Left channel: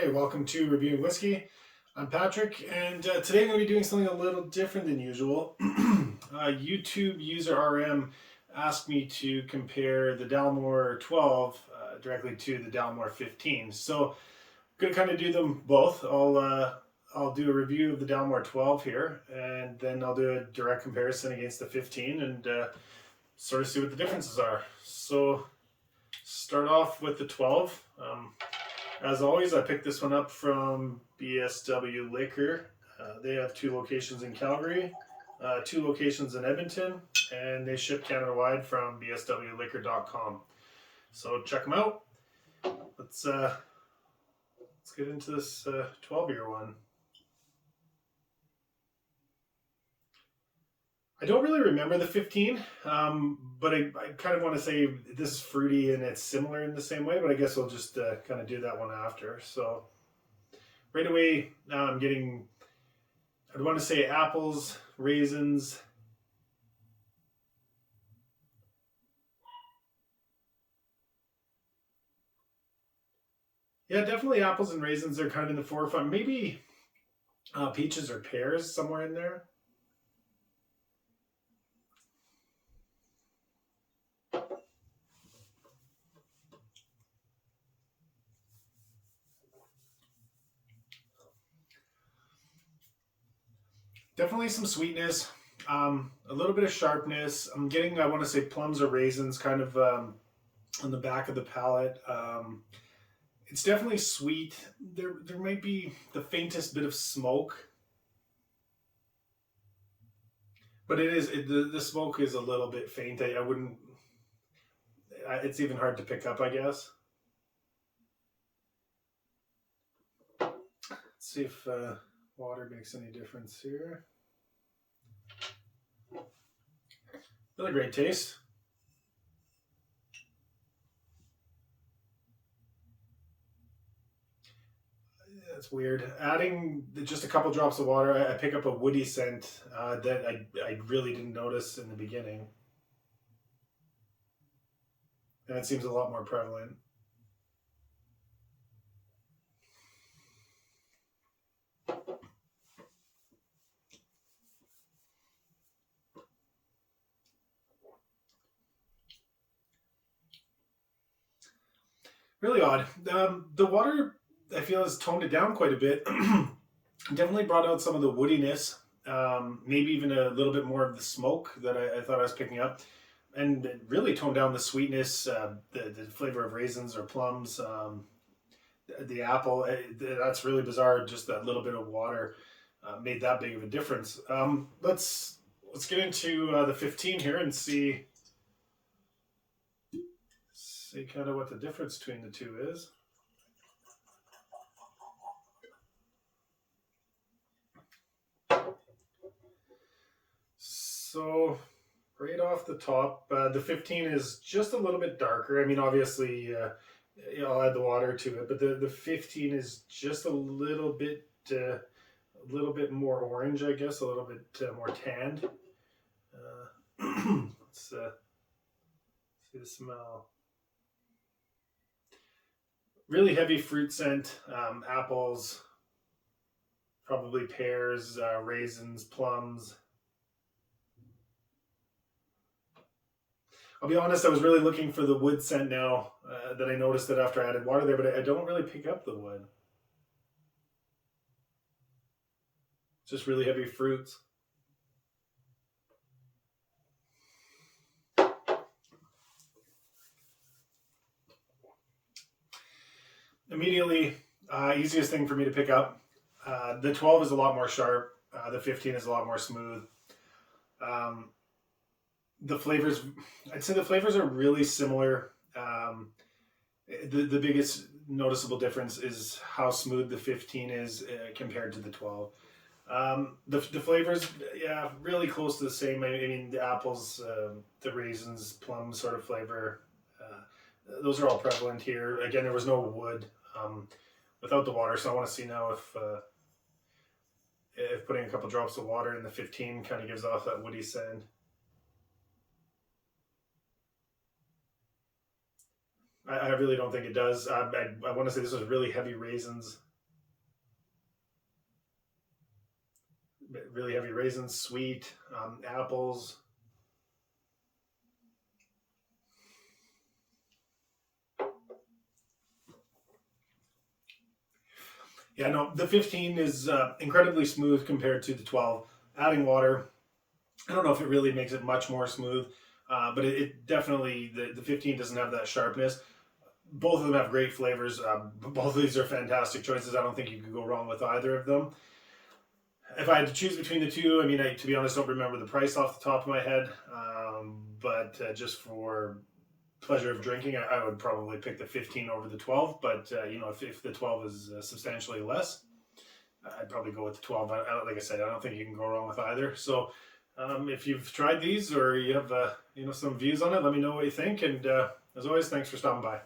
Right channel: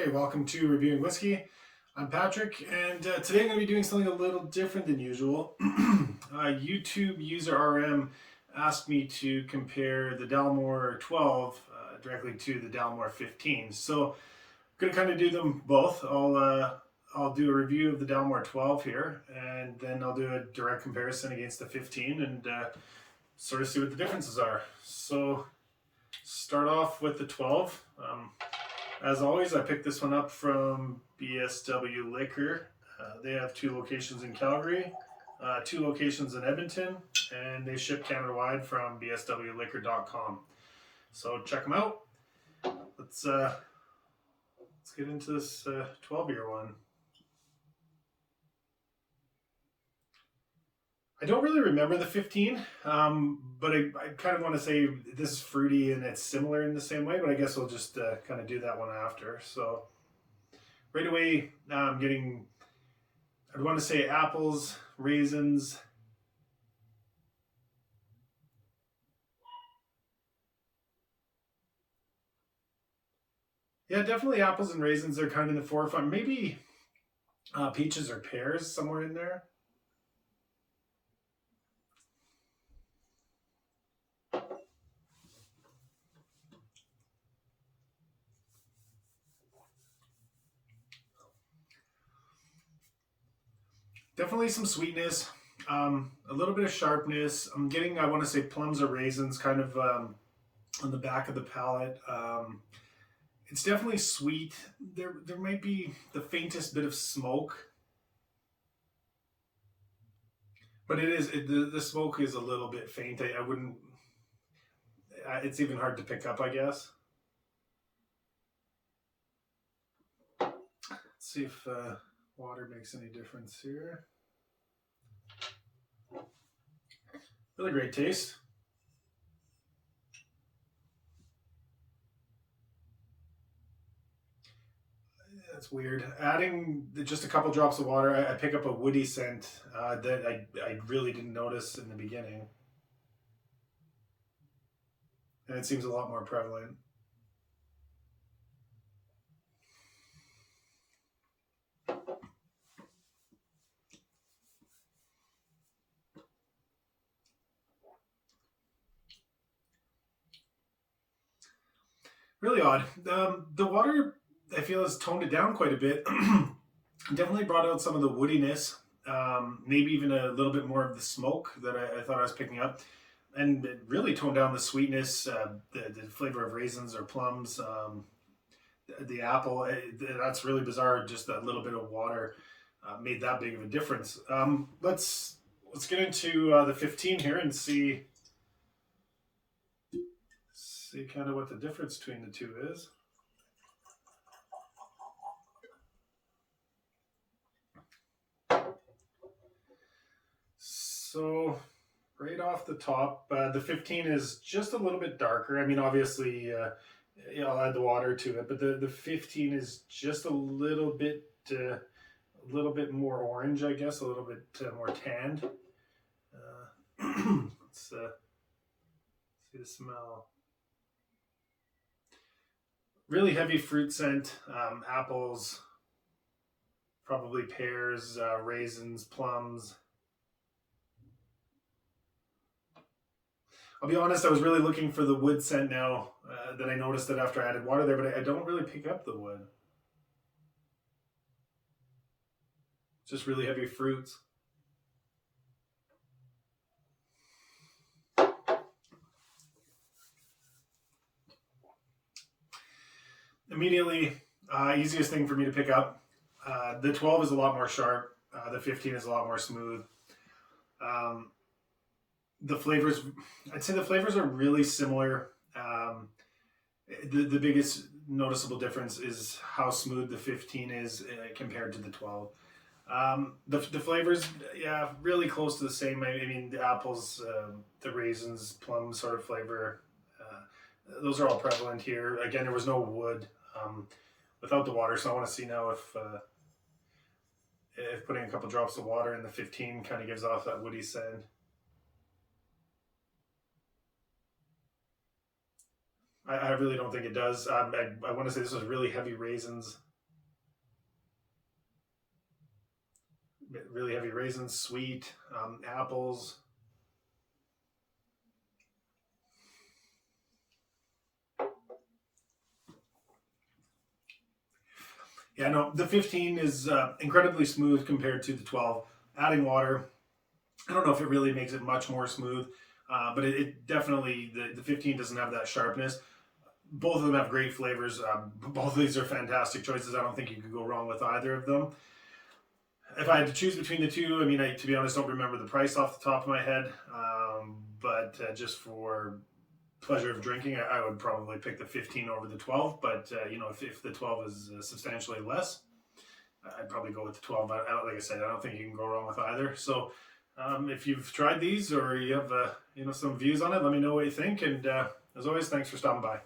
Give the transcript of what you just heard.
Hey, welcome to Reviewing Whiskey. I'm Patrick, and today I'm going to be doing something a little different than usual. YouTube user RM asked me to compare the Dalmore 12 directly to the Dalmore 15. So I'm going to kind of do them both. I'll do a review of the Dalmore 12 here, and then I'll do a direct comparison against the 15 and sort of see what the differences are. So start off with the 12. As always, I picked this one up from BSW Liquor. They have 2 locations in Calgary, 2 locations in Edmonton, and they ship Canada-wide from bswliquor.com. So check them out. Let's get into this 12-year one. I don't really remember the 15, but I kind of want to say this is fruity and it's similar in the same way, but I guess we'll just kind of do that one after. So right away, I'm getting, I'd want to say apples, raisins. Yeah, definitely apples and raisins are kind of in the forefront. Maybe peaches or pears somewhere in there. Definitely some sweetness, a little bit of sharpness. I'm getting, I want to say plums or raisins kind of on the back of the palate. It's definitely sweet. There might be the faintest bit of smoke, but the smoke is a little bit faint. I wouldn't. It's even hard to pick up, I guess. Let's see if water makes any difference here. Really great taste. That's weird. Adding just a couple drops of water, I pick up a woody scent that I really didn't notice in the beginning. And it seems a lot more prevalent. Really odd. The water, I feel, has toned it down quite a bit. Definitely brought out some of the woodiness, maybe even a little bit more of the smoke that I thought I was picking up. And it really toned down the sweetness, the flavor of raisins or plums, the apple. That's really bizarre. Just that little bit of water made that big of a difference. Let's get into the 15 here and see kind of what the difference between the two is. So right off the top, the 15 is just a little bit darker. I mean, obviously, I'll add the water to it, but the 15 is just a little bit more orange, I guess, a little bit more tanned. Let's see the smell. Really heavy fruit scent, apples, probably pears, raisins, plums. I'll be honest, I was really looking for the wood scent now that I noticed it after I added water there, but I don't really pick up the wood. Just really heavy fruits. Immediately, easiest thing for me to pick up. The 12 is a lot more sharp. The 15 is a lot more smooth. The flavors, I'd say the flavors are really similar. The biggest noticeable difference is how smooth the 15 is compared to the 12. The flavors, yeah, really close to the same. I mean, the apples, the raisins, plum sort of flavor, those are all prevalent here. Again, there was no wood without the water, so I want to see now if putting a couple drops of water in the 15 kind of gives off that woody scent. I really don't think it does. I want to say this was really heavy raisins. really heavy raisins, sweet, apples. Yeah, no, the 15 is incredibly smooth compared to the 12. Adding water, I don't know if it really makes it much more smooth, but it definitely, the 15 doesn't have that sharpness. Both of them have great flavors. Both of these are fantastic choices. I don't think you could go wrong with either of them. If I had to choose between the two, I mean, to be honest, don't remember the price off the top of my head, but just for pleasure of drinking, I would probably pick the 15 over the 12. But if the 12 is substantially less, I'd probably go with the 12. Like I said, I don't think you can go wrong with either. So if you've tried these or you have some views on it, let me know what you think. And as always, thanks for stopping by.